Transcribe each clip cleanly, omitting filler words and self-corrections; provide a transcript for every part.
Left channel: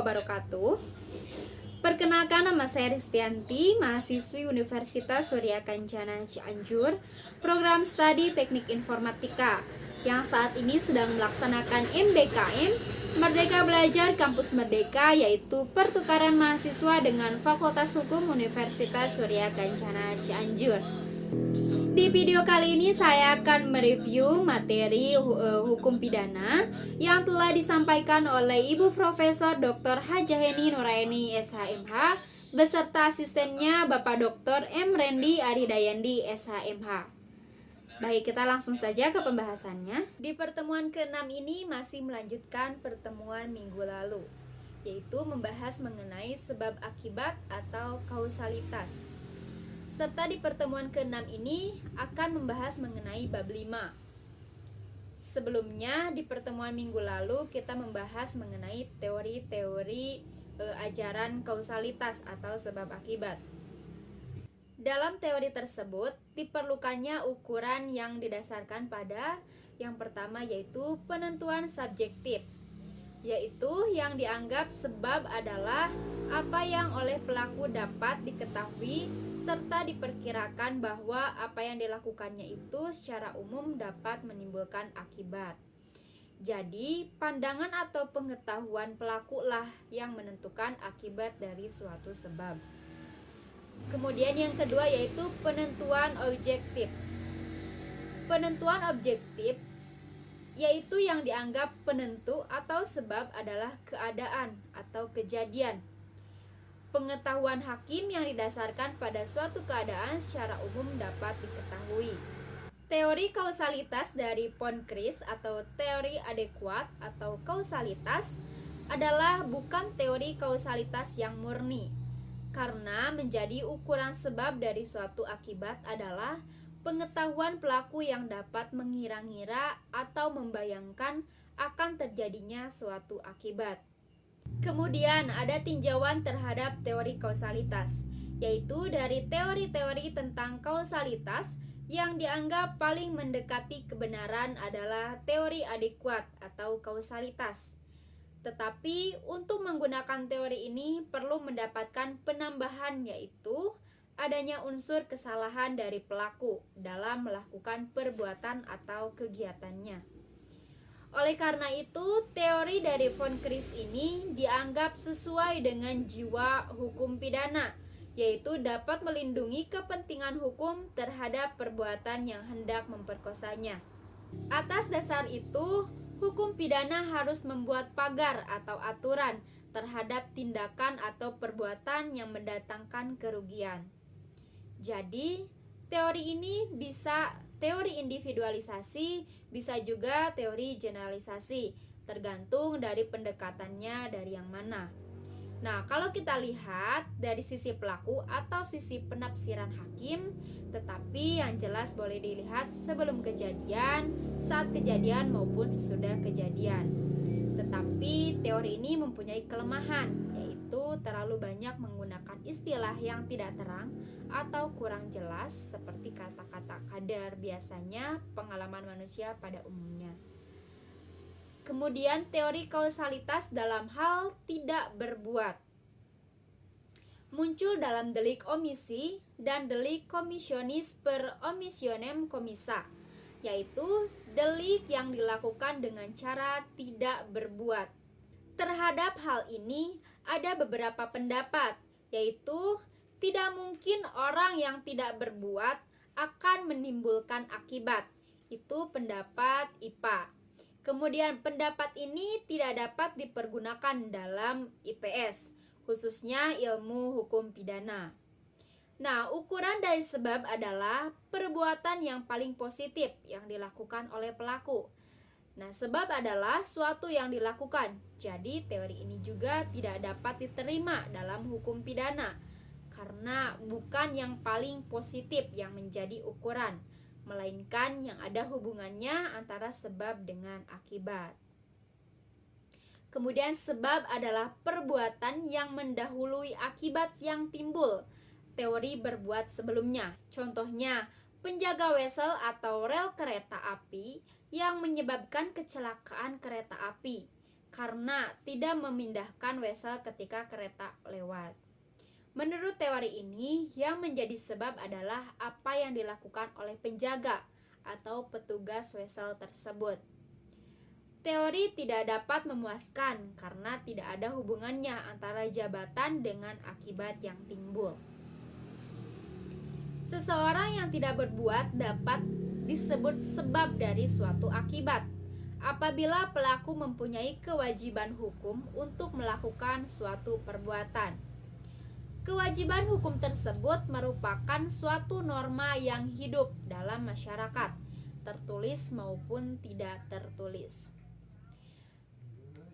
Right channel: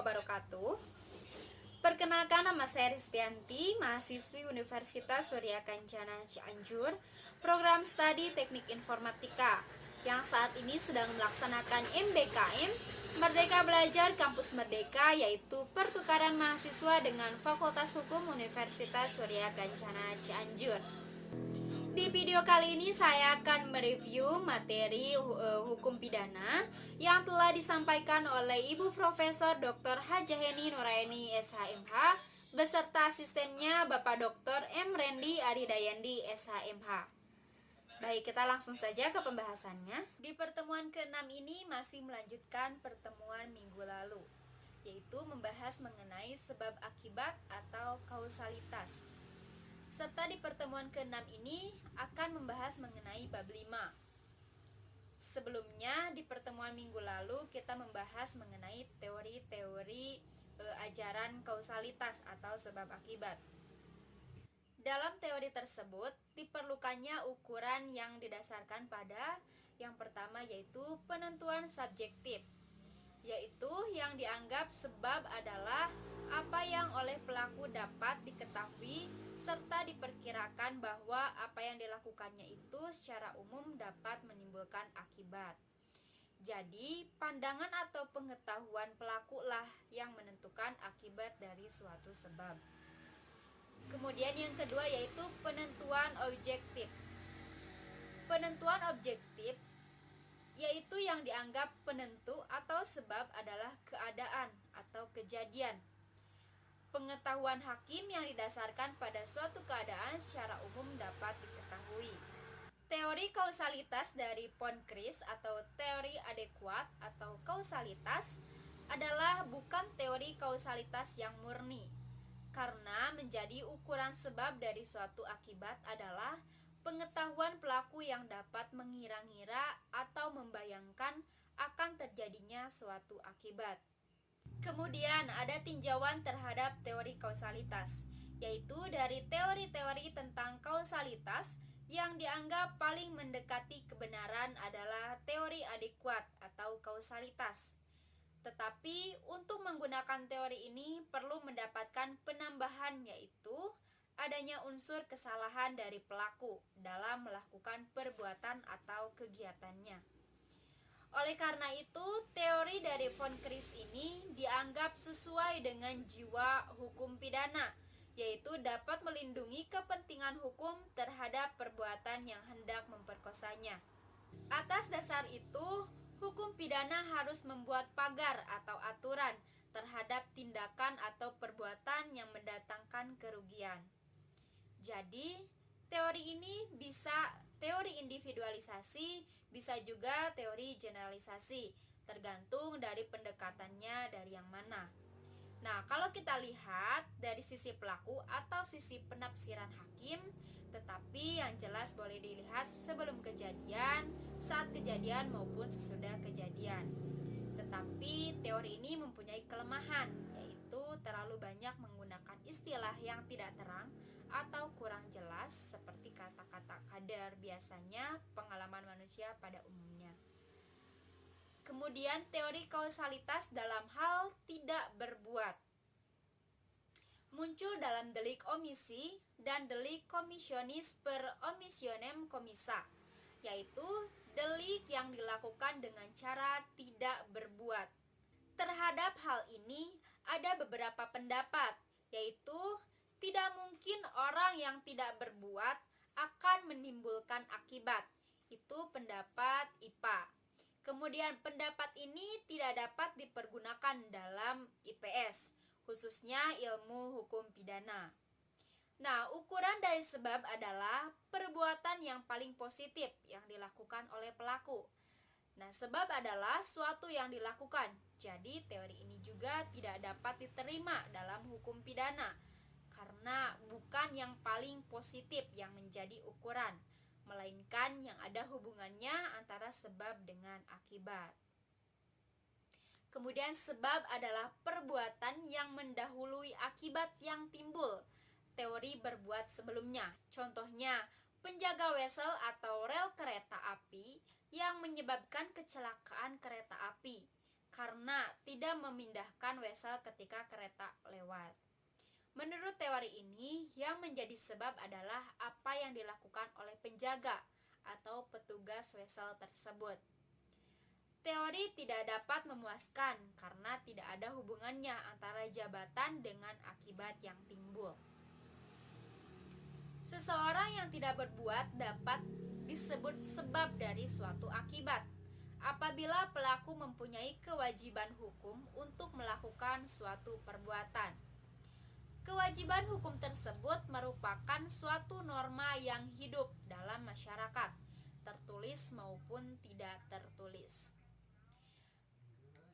wabarakatuh. Perkenalkan, nama saya Rizvianti, mahasiswi Universitas Surya Kencana Cianjur, program studi Teknik Informatika, yang saat ini sedang melaksanakan MBKM Merdeka Belajar Kampus Merdeka, yaitu pertukaran mahasiswa dengan Fakultas Hukum Universitas Surya Kencana Cianjur. Di video kali ini saya akan mereview materi hukum pidana yang telah disampaikan oleh Ibu Profesor Dr. Hajaheni Nuraini SHMH beserta asistennya Bapak Dr. M. Rendi Aridayandi SHMH. Baik, kita langsung saja ke pembahasannya. Di pertemuan ke-6 ini masih melanjutkan pertemuan minggu lalu, yaitu membahas mengenai sebab akibat atau kausalitas. Serta di pertemuan ke-6 ini akan membahas mengenai bab 5. Sebelumnya di pertemuan minggu lalu kita membahas mengenai teori-teori ajaran kausalitas atau sebab akibat. Dalam teori tersebut diperlukannya ukuran yang didasarkan pada yang pertama, yaitu penentuan subjektif, yaitu yang dianggap sebab adalah apa yang oleh pelaku dapat diketahui serta diperkirakan bahwa apa yang dilakukannya itu secara umum dapat menimbulkan akibat. Jadi, pandangan atau pengetahuan pelaku lah yang menentukan akibat dari suatu sebab. Kemudian yang kedua yaitu penentuan objektif. Penentuan objektif yaitu yang dianggap penentu atau sebab adalah keadaan atau kejadian. Pengetahuan hakim yang didasarkan pada suatu keadaan secara umum dapat diketahui. Teori kausalitas dari von Kris atau teori adekuat atau kausalitas adalah bukan teori kausalitas yang murni, karena menjadi ukuran sebab dari suatu akibat adalah pengetahuan pelaku yang dapat mengira-ngira atau membayangkan akan terjadinya suatu akibat. Kemudian ada tinjauan terhadap teori kausalitas, yaitu dari teori-teori tentang kausalitas yang dianggap paling mendekati kebenaran adalah teori adekuat atau kausalitas. Tetapi untuk menggunakan teori ini perlu mendapatkan penambahan, yaitu adanya unsur kesalahan dari pelaku dalam melakukan perbuatan atau kegiatannya. Oleh karena itu, teori dari von Kris ini dianggap sesuai dengan jiwa hukum pidana, yaitu dapat melindungi kepentingan hukum terhadap perbuatan yang hendak memperkosanya. Atas dasar itu, hukum pidana harus membuat pagar atau aturan terhadap tindakan atau perbuatan yang mendatangkan kerugian. Jadi, teori ini bisa teori individualisasi, bisa juga teori generalisasi, tergantung dari pendekatannya dari yang mana. Nah, kalau kita lihat dari sisi pelaku atau sisi penafsiran hakim, tetapi yang jelas boleh dilihat sebelum kejadian, saat kejadian maupun sesudah kejadian. Tetapi teori ini mempunyai kelemahan, yaitu terlalu banyak menggunakan istilah yang tidak terang atau kurang jelas seperti kata-kata kadar, biasanya pengalaman manusia pada umumnya. Kemudian teori kausalitas dalam hal tidak berbuat muncul dalam delik omisi dan delik commissionis per omissionem commissa, yaitu delik yang dilakukan dengan cara tidak berbuat. Terhadap hal ini ada beberapa pendapat, yaitu tidak mungkin orang yang tidak berbuat akan menimbulkan akibat. Itu pendapat IPA. Kemudian pendapat ini tidak dapat dipergunakan dalam IPS, khususnya ilmu hukum pidana. Nah, ukuran dari sebab adalah perbuatan yang paling positif yang dilakukan oleh pelaku. Nah, sebab adalah suatu yang dilakukan. Jadi, teori ini juga tidak dapat diterima dalam hukum pidana karena bukan yang paling positif yang menjadi ukuran, melainkan yang ada hubungannya antara sebab dengan akibat. Kemudian sebab adalah perbuatan yang mendahului akibat yang timbul. Teori berbuat sebelumnya. Contohnya, penjaga wesel atau rel kereta api yang menyebabkan kecelakaan kereta api karena tidak memindahkan wesel ketika kereta lewat. Menurut teori ini, yang menjadi sebab adalah apa yang dilakukan oleh penjaga atau petugas wesel tersebut. Teori tidak dapat memuaskan karena tidak ada hubungannya antara jabatan dengan akibat yang timbul. Seseorang yang tidak berbuat dapat disebut sebab dari suatu akibat apabila pelaku mempunyai kewajiban hukum untuk melakukan suatu perbuatan. Kewajiban hukum tersebut merupakan suatu norma yang hidup dalam masyarakat, tertulis maupun tidak tertulis.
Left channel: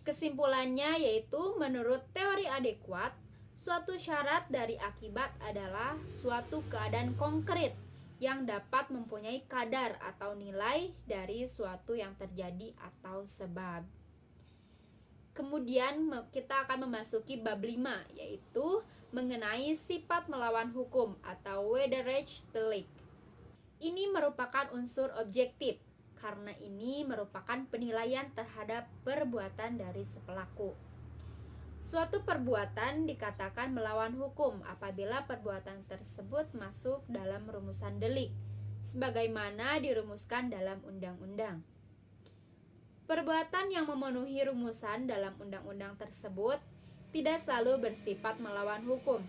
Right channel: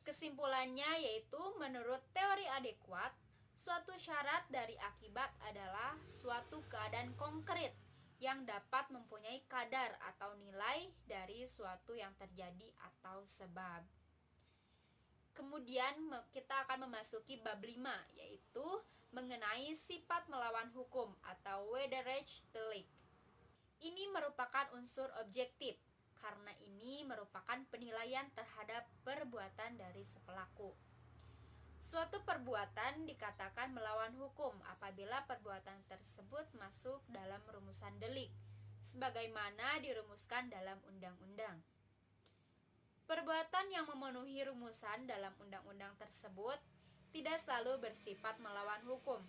Kesimpulannya yaitu menurut teori adekuat, suatu syarat dari akibat adalah suatu keadaan konkret yang dapat mempunyai kadar atau nilai dari suatu yang terjadi atau sebab. Kemudian kita akan memasuki bab 5, yaitu mengenai sifat melawan hukum atau wederrechtelijk. Ini merupakan unsur objektif, karena ini merupakan penilaian terhadap perbuatan dari si pelaku. Suatu perbuatan dikatakan melawan hukum apabila perbuatan tersebut masuk dalam rumusan delik, sebagaimana dirumuskan dalam undang-undang. Perbuatan yang memenuhi rumusan dalam undang-undang tersebut tidak selalu bersifat melawan hukum,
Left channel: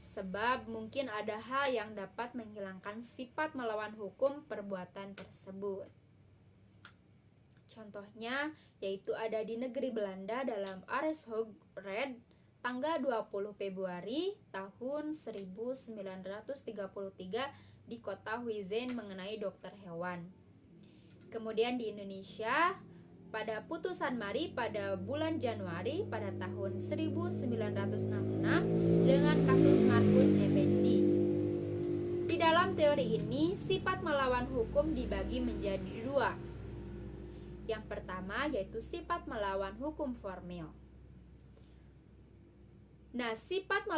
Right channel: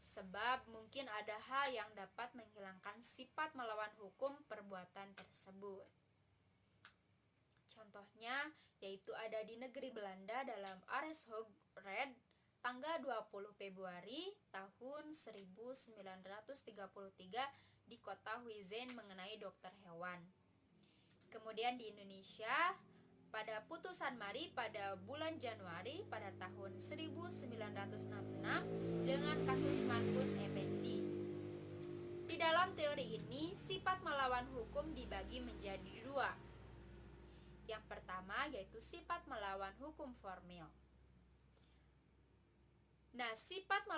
sebab mungkin ada hal yang dapat menghilangkan sifat melawan hukum perbuatan tersebut. Contohnya yaitu ada di negeri Belanda dalam Arrest Red tanggal 20 Februari tahun 1933 di kota Huizen mengenai dokter hewan. Kemudian di Indonesia pada putusan Mari pada bulan Januari pada tahun 1966 dengan kasus Markus Effendi. Di dalam teori ini, sifat melawan hukum dibagi menjadi dua. Yang pertama yaitu sifat melawan hukum formil. Nah, sifat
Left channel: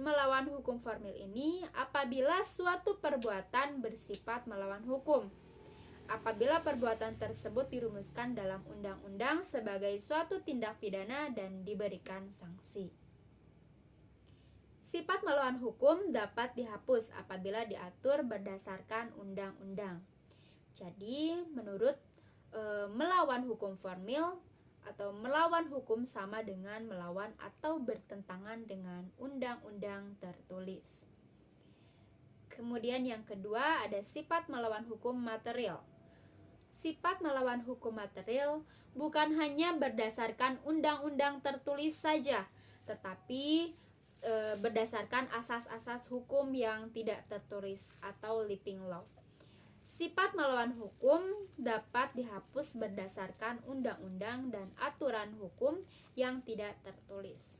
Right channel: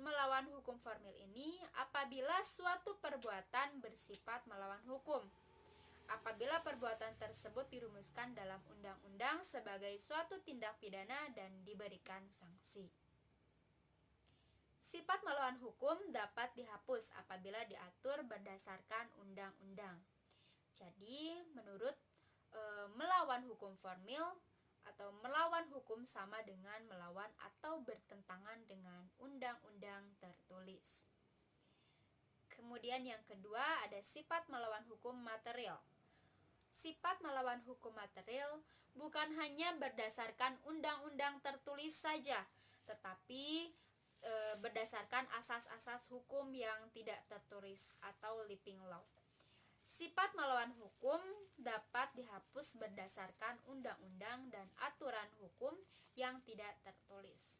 melawan hukum formil ini apabila suatu perbuatan bersifat melawan hukum. Apabila perbuatan tersebut dirumuskan dalam undang-undang sebagai suatu tindak pidana dan diberikan sanksi. Sifat melawan hukum dapat dihapus apabila diatur berdasarkan undang-undang. Jadi, menurut melawan hukum formil atau melawan hukum sama dengan melawan atau bertentangan dengan undang-undang tertulis. Kemudian yang kedua ada sifat melawan hukum material. Sifat melawan hukum material bukan hanya berdasarkan undang-undang tertulis saja, tetapi berdasarkan asas-asas hukum yang tidak tertulis atau living law. Sifat melawan hukum dapat dihapus berdasarkan undang-undang dan aturan hukum yang tidak tertulis.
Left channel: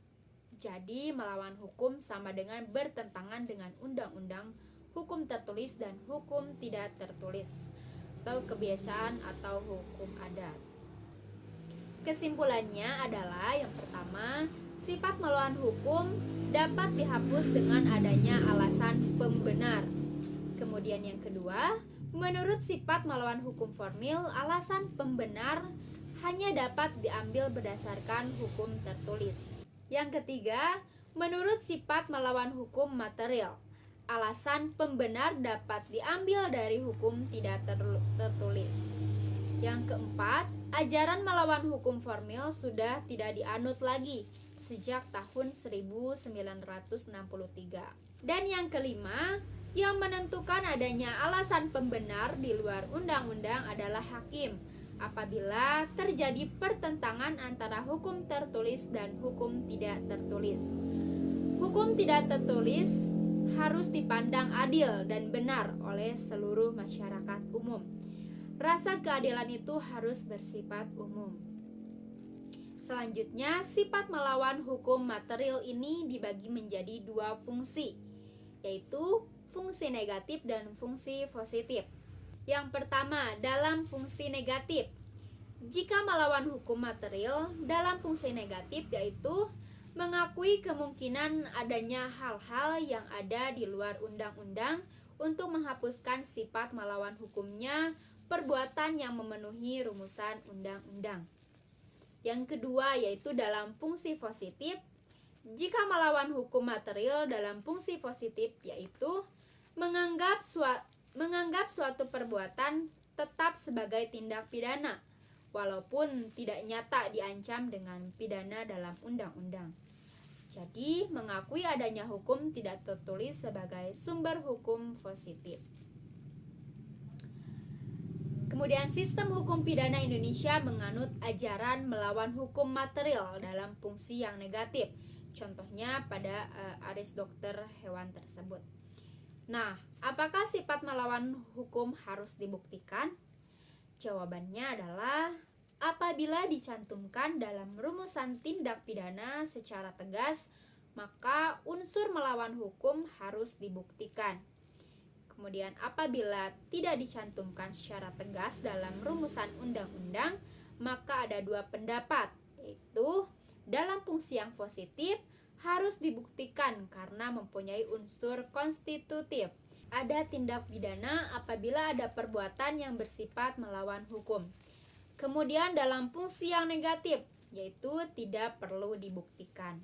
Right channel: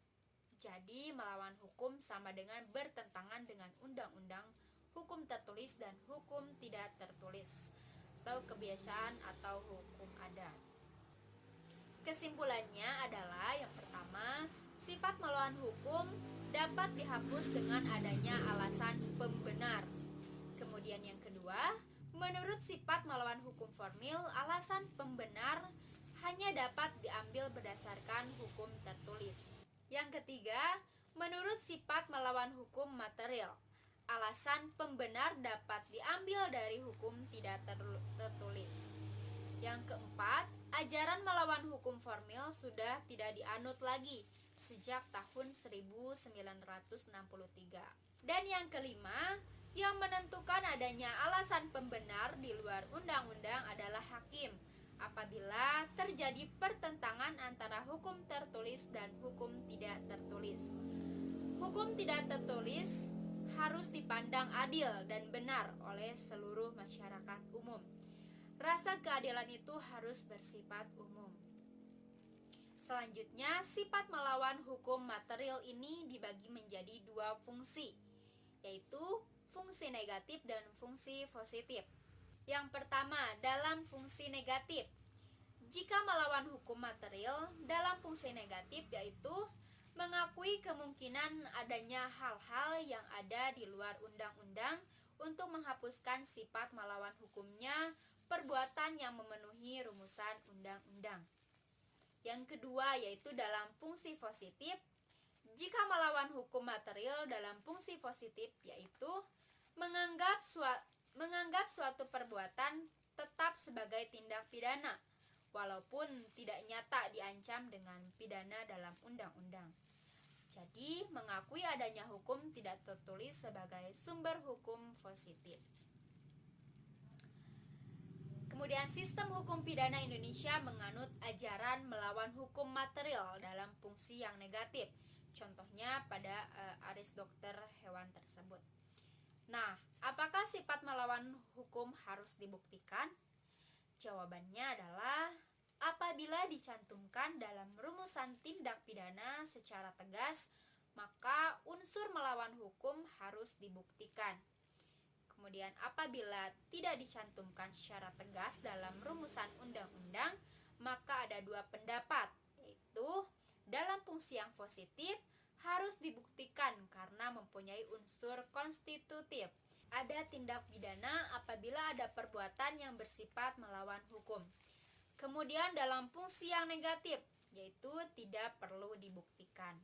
Jadi melawan hukum sama dengan bertentangan dengan undang-undang, hukum tertulis dan hukum tidak tertulis, atau kebiasaan atau hukum adat. Kesimpulannya adalah yang pertama, sifat melawan hukum dapat dihapus dengan adanya alasan pembenar. Kemudian yang kedua, menurut sifat melawan hukum formil, alasan pembenar hanya dapat diambil berdasarkan hukum tertulis. Yang ketiga, menurut sifat melawan hukum material, alasan pembenar dapat diambil dari hukum tidak tertulis. Yang keempat, ajaran melawan hukum formil sudah tidak dianut lagi sejak tahun 1963. Dan yang kelima, yang menentukan adanya alasan pembenar di luar undang-undang adalah hakim apabila terjadi pertentangan antara hukum tertulis dan hukum tidak tertulis. Hukum tidak tertulis harus dipandang adil dan benar oleh seluruh masyarakat umum. Rasa keadilan itu harus bersifat umum. Selanjutnya, sifat melawan hukum material ini dibagi menjadi dua fungsi, yaitu fungsi negatif dan fungsi positif. Yang pertama, dalam fungsi negatif. Jika melawan hukum material dalam fungsi negatif yaitu mengakui kemungkinan adanya hal-hal yang ada di luar undang-undang untuk menghapuskan sifat melawan hukumnya perbuatan yang memenuhi rumusan undang-undang. Yang kedua yaitu dalam fungsi positif. Jika melawan hukum material dalam fungsi positif yaitu menganggap suatu perbuatan tetap sebagai tindak pidana walaupun tidak nyata diancam dengan pidana dalam undang-undang. Jadi, mengakui adanya hukum tidak tertulis sebagai sumber hukum positif. Kemudian sistem hukum pidana Indonesia menganut ajaran melawan hukum material dalam fungsi yang negatif. Contohnya pada aris dokter hewan tersebut. Nah, apakah sifat melawan hukum harus dibuktikan? Jawabannya adalah apabila dicantumkan dalam rumusan tindak pidana secara tegas, maka unsur melawan hukum harus dibuktikan. Kemudian apabila tidak dicantumkan secara tegas dalam rumusan undang-undang, maka ada dua pendapat, yaitu dalam fungsi yang positif harus dibuktikan karena mempunyai unsur konstitutif. Ada tindak pidana apabila ada perbuatan yang bersifat melawan hukum. Kemudian dalam fungsi yang negatif, yaitu tidak perlu dibuktikan.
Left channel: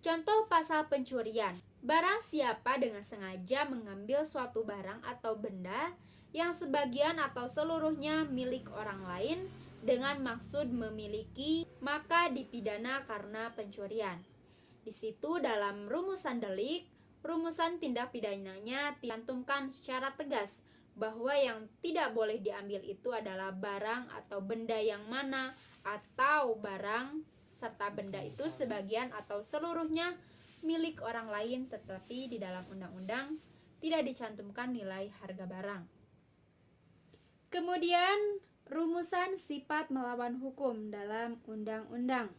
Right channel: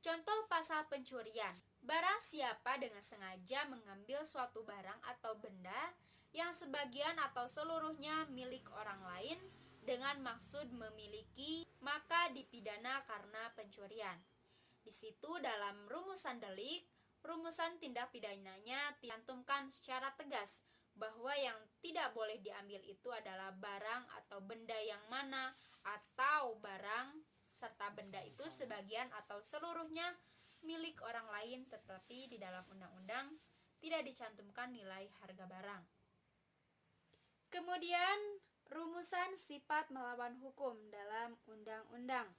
Contoh pasal pencurian. Barang siapa dengan sengaja mengambil suatu barang atau benda yang sebagian atau seluruhnya milik orang lain dengan maksud memiliki, maka dipidana karena pencurian. Di situ dalam rumusan delik, rumusan tindak pidananya dicantumkan secara tegas bahwa yang tidak boleh diambil itu adalah barang atau benda yang mana, atau barang serta benda itu sebagian atau seluruhnya milik orang lain, tetapi di dalam undang-undang tidak dicantumkan nilai harga barang. Kemudian rumusan sifat melawan hukum dalam undang-undang.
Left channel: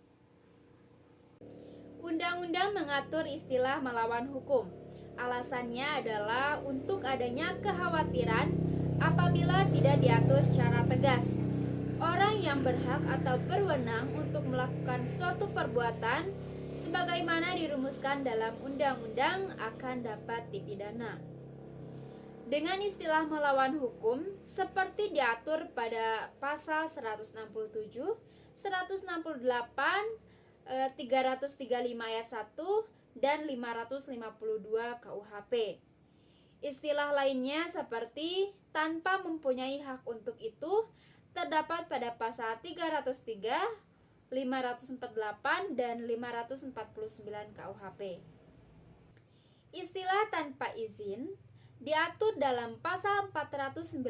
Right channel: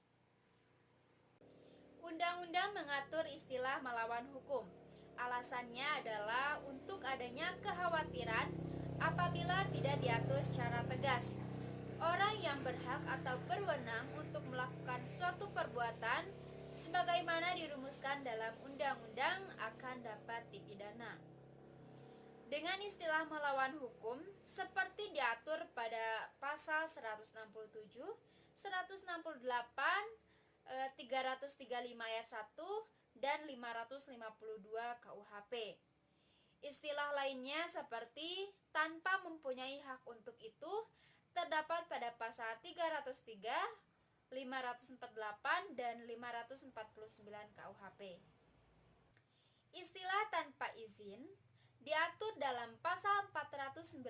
Undang-undang mengatur istilah melawan hukum. Alasannya adalah untuk adanya kekhawatiran apabila tidak diatur secara tegas. Orang yang berhak atau berwenang untuk melakukan suatu perbuatan sebagaimana dirumuskan dalam undang-undang akan dapat dipidana. Dengan istilah melawan hukum seperti diatur pada pasal 167, 168, 335 ayat 1 dan 552 KUHP. Istilah lainnya seperti tanpa mempunyai hak untuk itu terdapat pada pasal 303, 548 dan 549 KUHP. Istilah tanpa izin diatur dalam pasal 496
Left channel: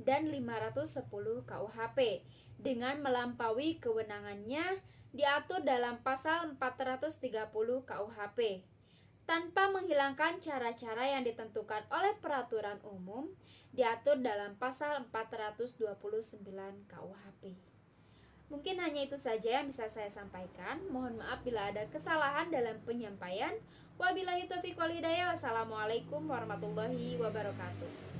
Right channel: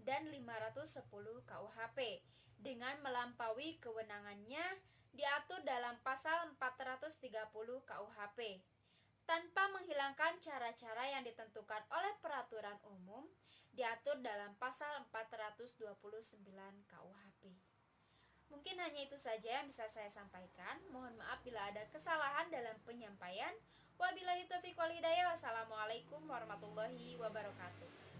dan 510 KUHP. Dengan melampaui kewenangannya diatur dalam pasal 430 KUHP. Tanpa menghilangkan cara-cara yang ditentukan oleh peraturan umum diatur dalam pasal 429 KUHP. Mungkin hanya itu saja yang bisa saya sampaikan. Mohon maaf bila ada kesalahan dalam penyampaian. Wabillahi taufiq wal hidayah. Wassalamualaikum warahmatullahi wabarakatuh.